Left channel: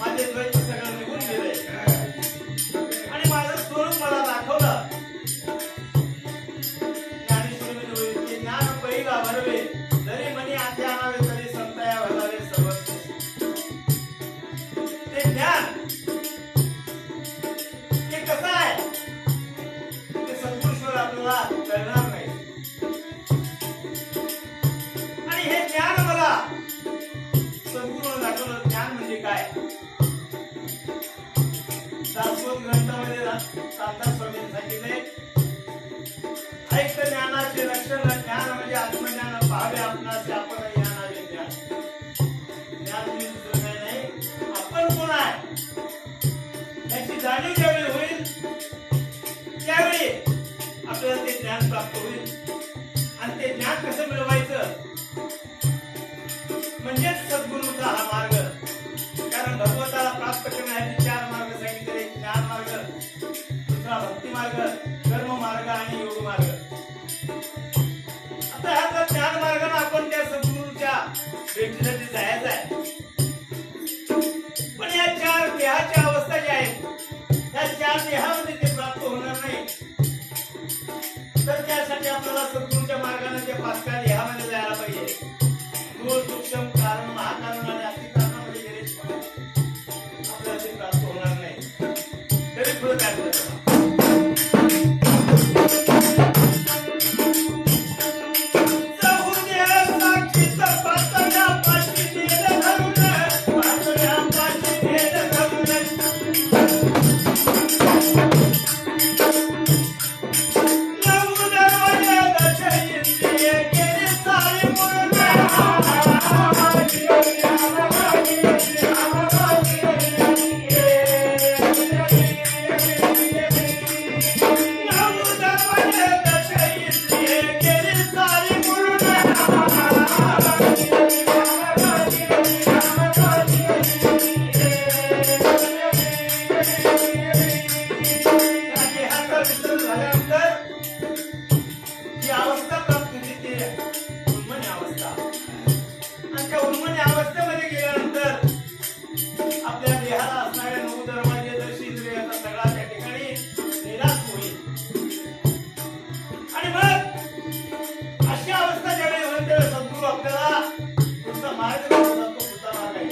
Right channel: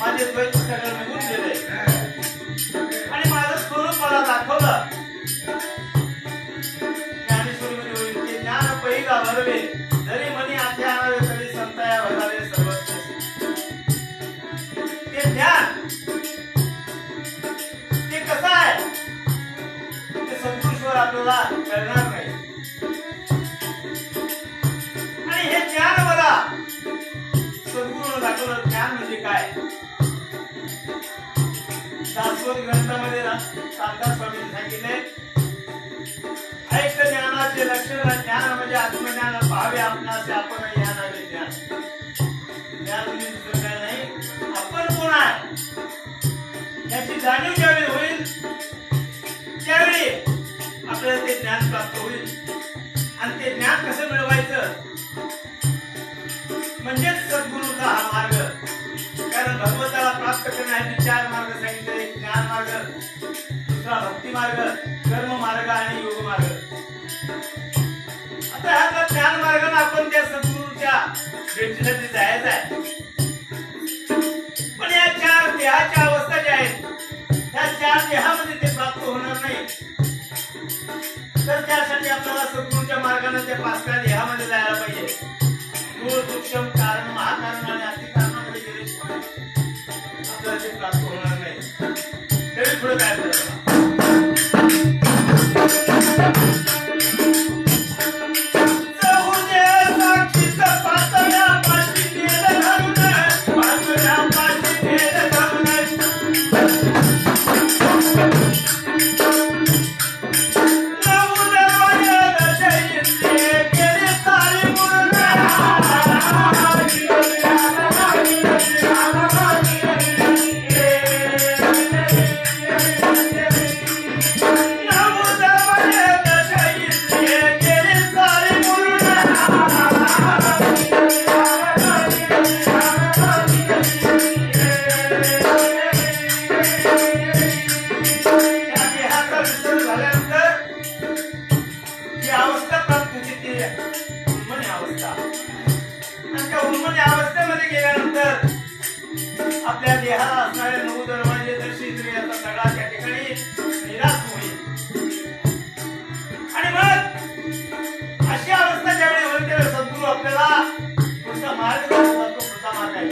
माझे द्वैत सगळं निघून गेले आणि माझं स्वरूप मला दाखवलं. ज्ञानेश्वरी मध्ये होईल की ज्ञान पै गाभरवे जरी मनी आते आणावे तरी संताया भरावे सर्वस्व. ते ज्ञान ते कसं आहे ते संतोषवर आपल्याला कळणार नाही. आणि हे ज्ञान मला सद्गुरूने दाखवलं. ज्ञान म्हणजे काय? दासबोध ग्रंथामध्ये रामदास स्वामींनी सांगितले, ऐक ज्ञानाचे लक्षण. ज्ञान म्हणजे आत्मज्ञान. पाहावे आपणास आपण ज्ञानावे ज्ञान. ज्ञान म्हणजे दुसरं काही नाही, आपण कोण आहे याची जाणीव ज्यावेळी होईल त्यावेळी आपल्याला ते ज्ञान प्राप्त होईल. आणि ते ज्ञान कसं मिळवायचं म्हणजेच सद्गुरूचा हा मार्ग. कारण भगवंताला प्राप्त करण्यासाठी 4 मार्ग सांगितले. एक ज्ञान मार्ग, दुसरा भक्ती मार्ग, कर्म मार्ग आणि योग मार्ग. आता ह्या ज्ञान मार्गाने आपण त्या सद्गुरूच्या भेटीसाठी जायचं आहे. पण या 4 देहाच्या अवस्था ज्या आहेत त्या 4 देहामध्ये ते प्राप्त होणार नाही. तर त्यासाठी आपल्याला सद्गुरूच्या मार्गाने त्या 5 देहामध्ये जायला पाहिजे. मूळ, सूक्ष्म, कारण, महाकारण आणि अति कारणाकडे गेल्याशिवाय आपल्याला ते प्राप्त होणार नाही. तरी पुढे काय करायचं? आपल्या देहाला असणारे 9 दरवाजे दर्शित याचा सगळा त्या ठिकाणी निराश होईल. आणि मग अशी अवस्था ज्यावेळी होईल त्यावेळी सद्गुरू आपल्याला पुढचा मार्ग दाखवतो. पुढचा मार्ग आहे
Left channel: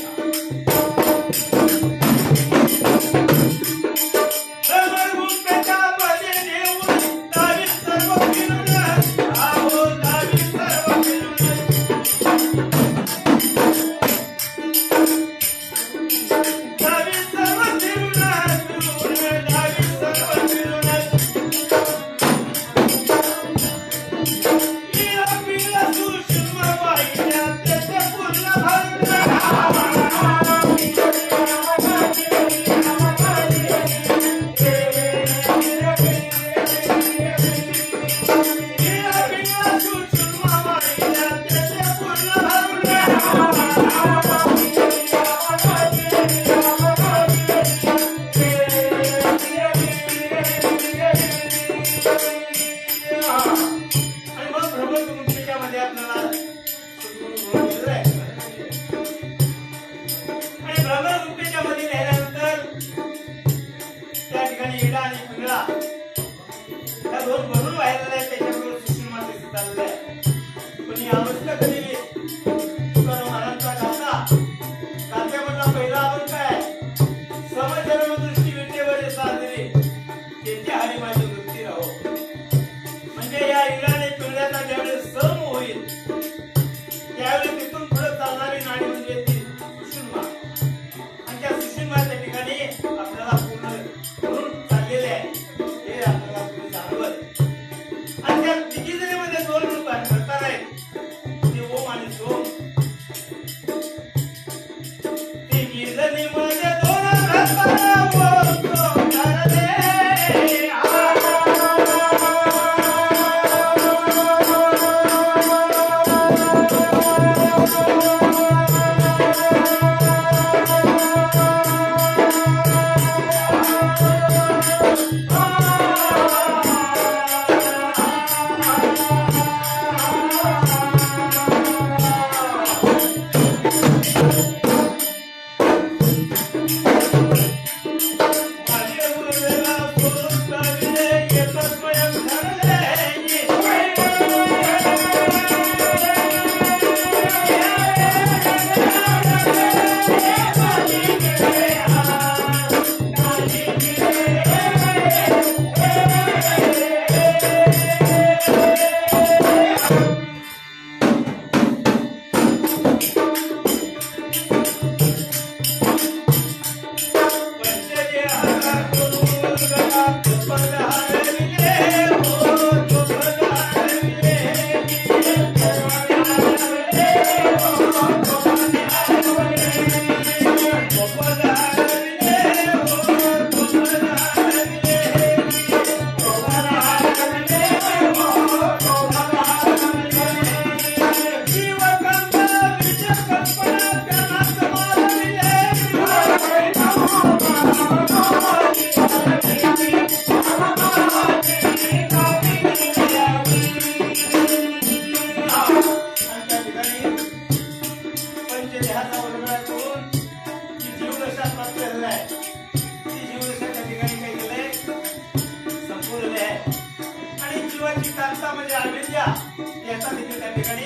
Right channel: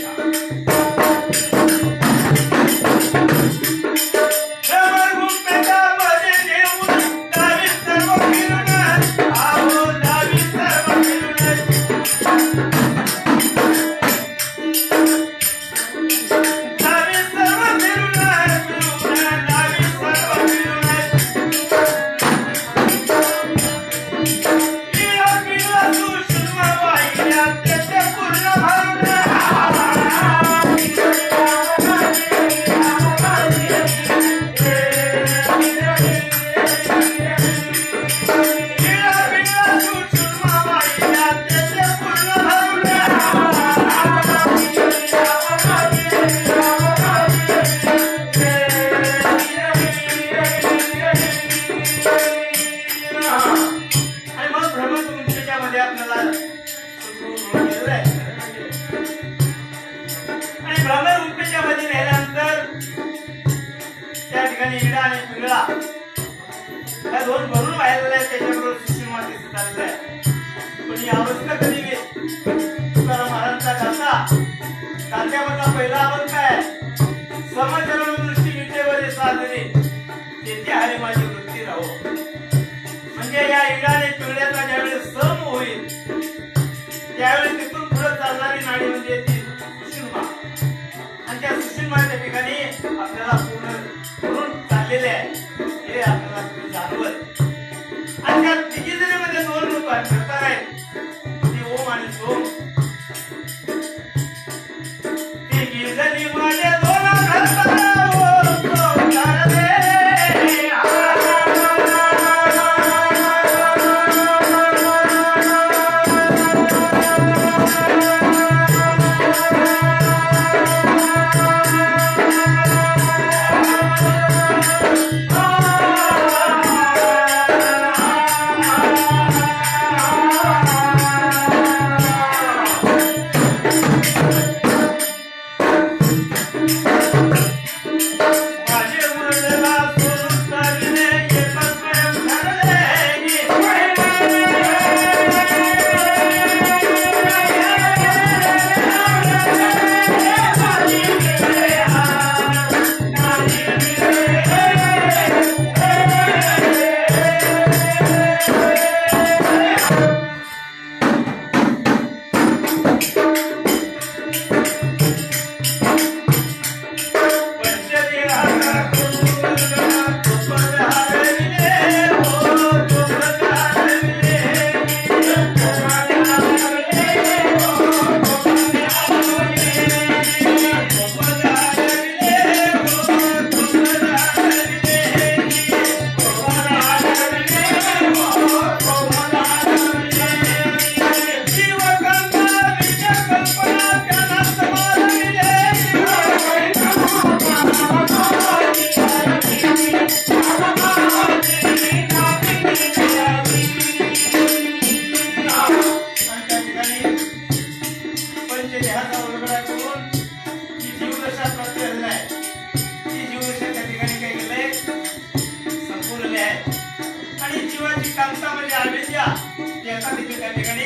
राजा त्याचा तिथे त्या ठिकाणी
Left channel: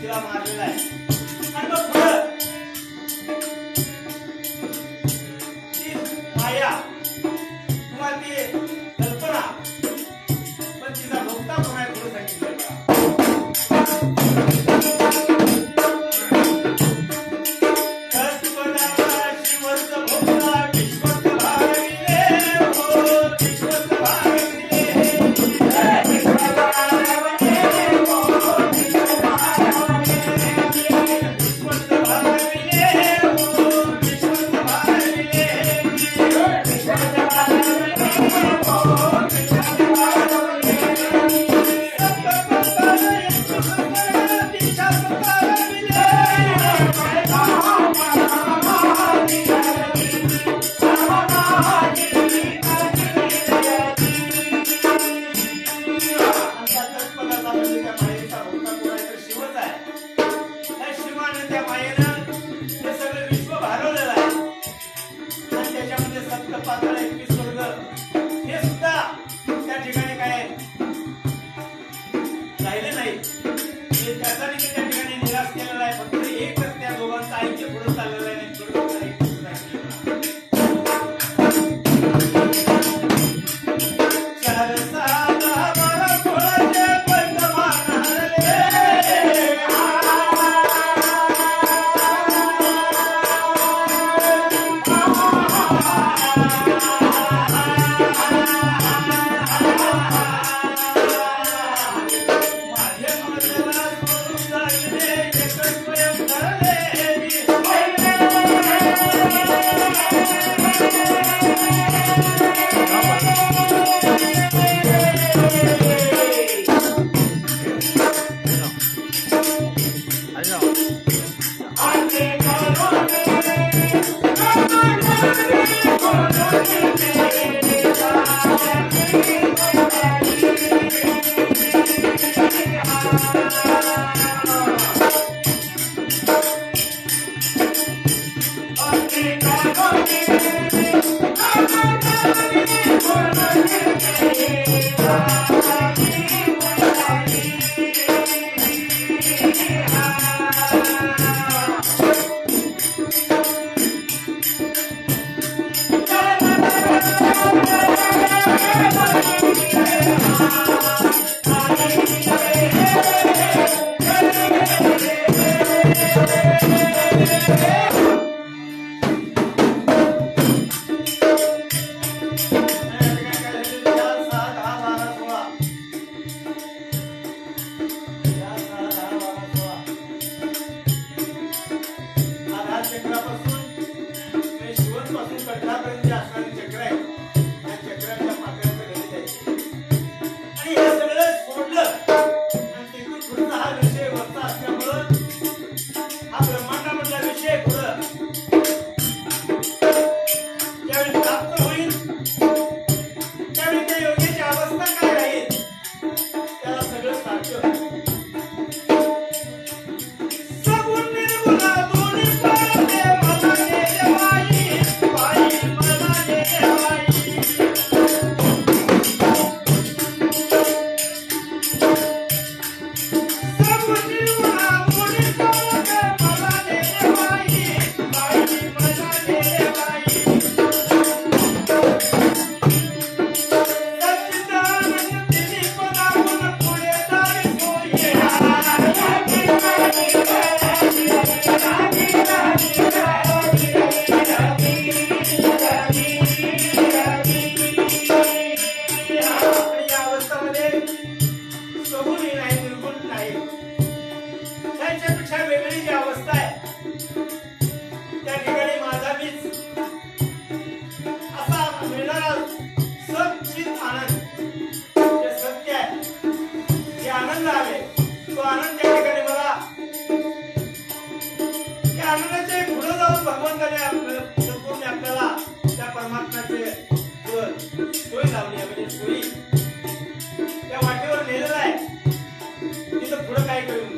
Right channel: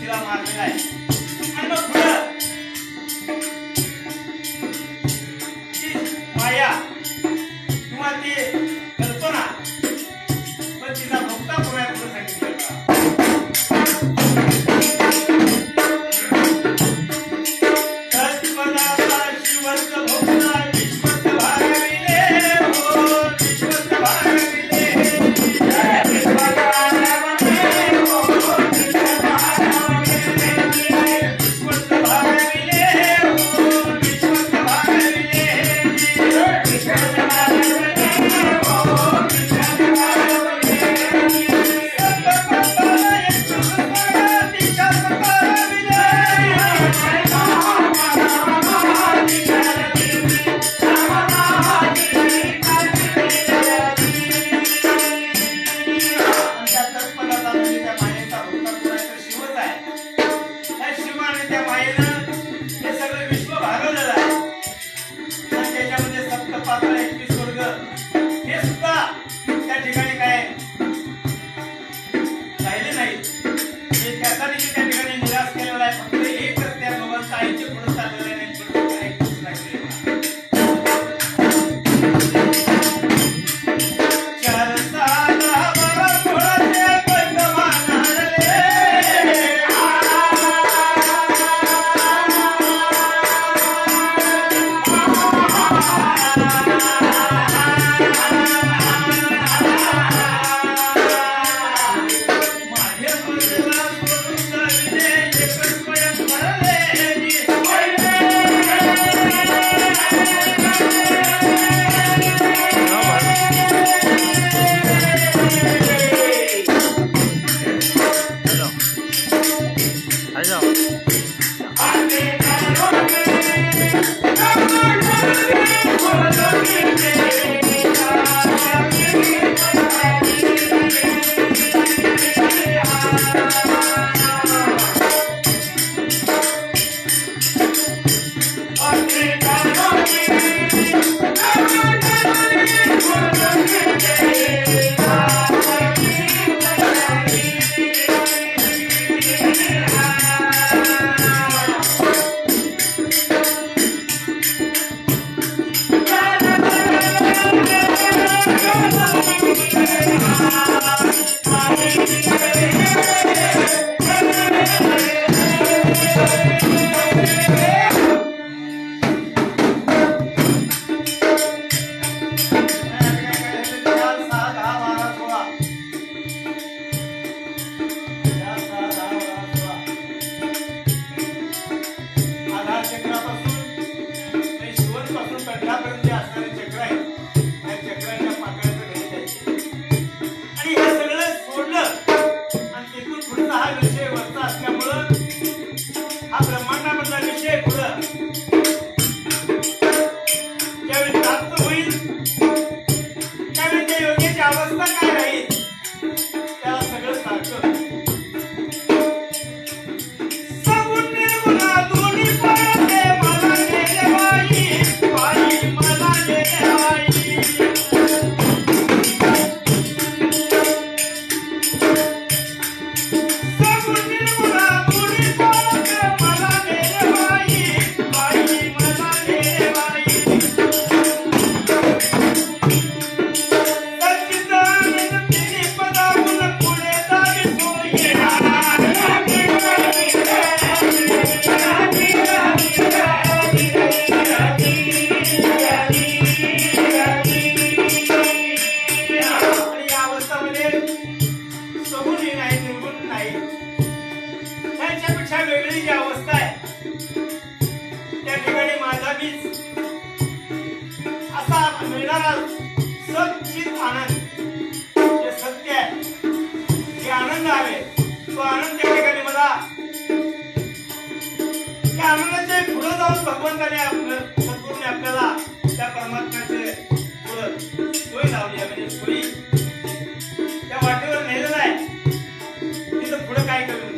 तिला मारलेला आहे. आणि मग पुढं ती माया किंवा ती कल्पना पण तिचा भोगता कोणा पुढे सांगितलं भगवंताने आपल्याला त्या परमात्म्याचे सोय लावली आहे, म्हणजे सोयी त्या वाटेवर नेलेला आहे. तिथं पुढे काय करून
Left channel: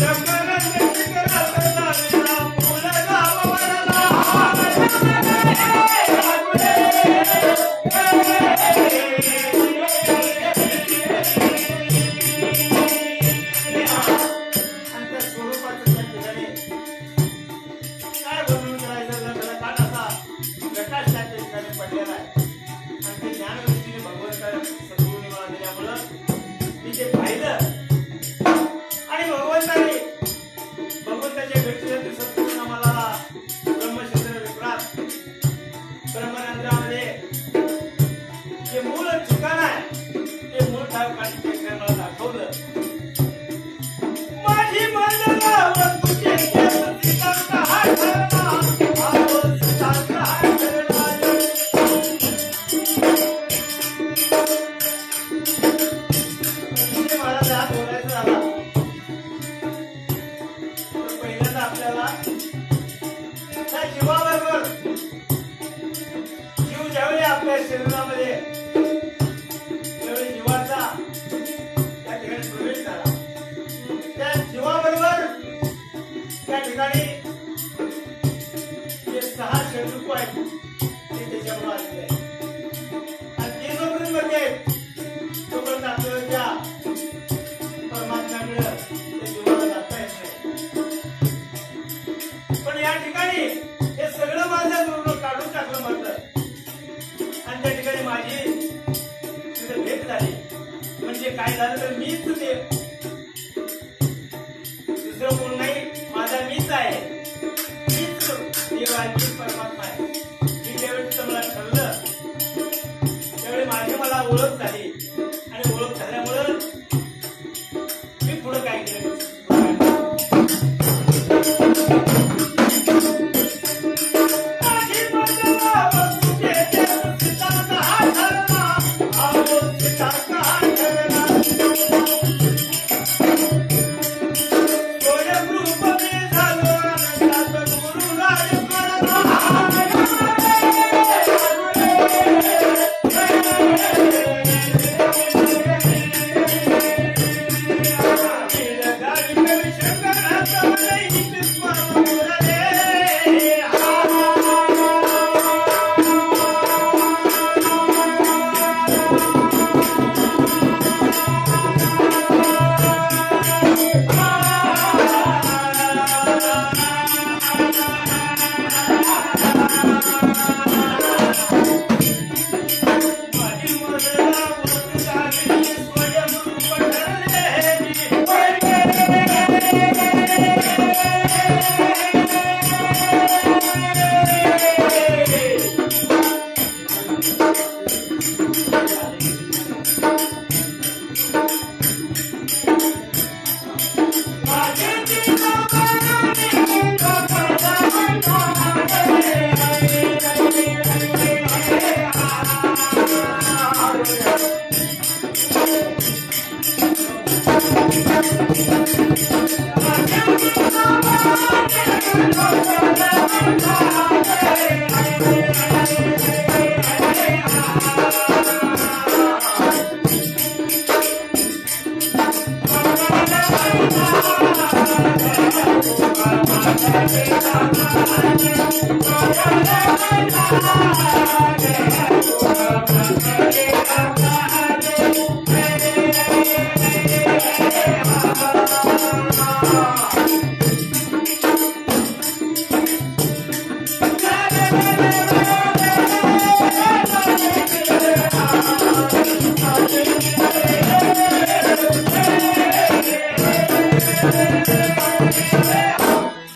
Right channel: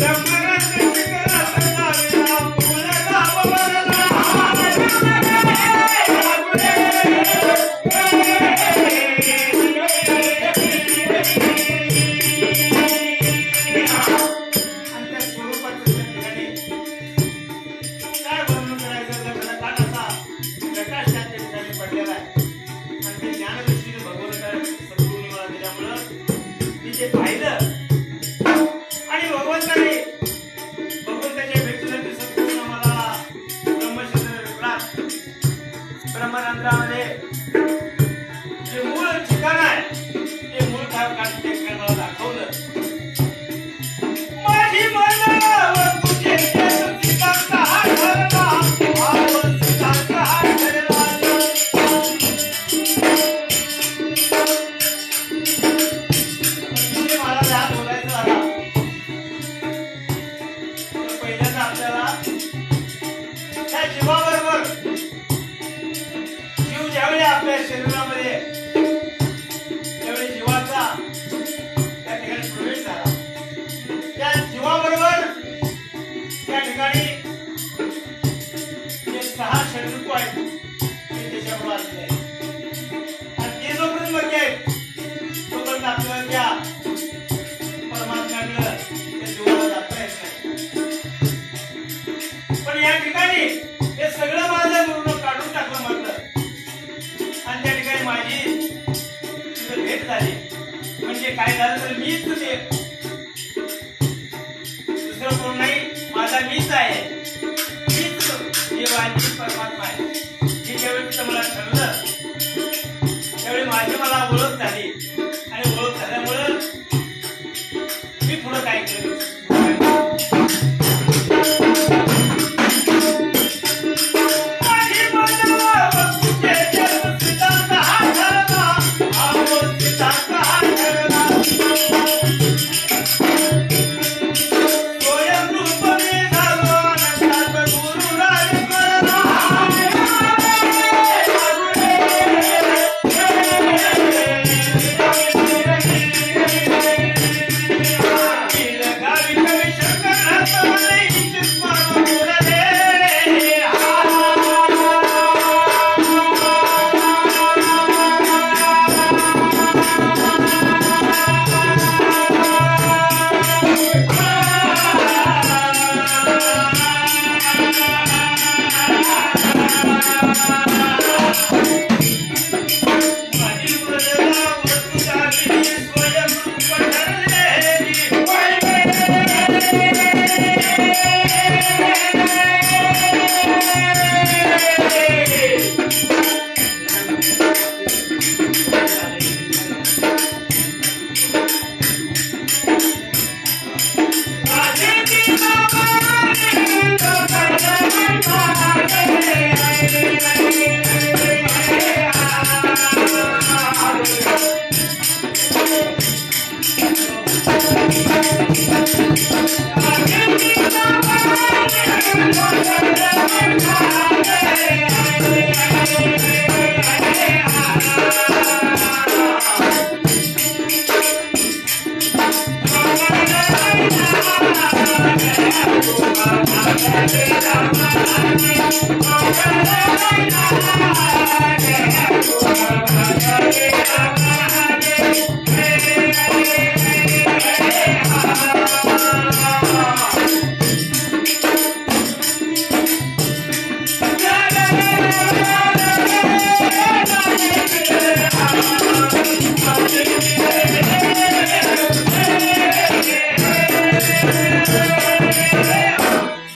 Thank you.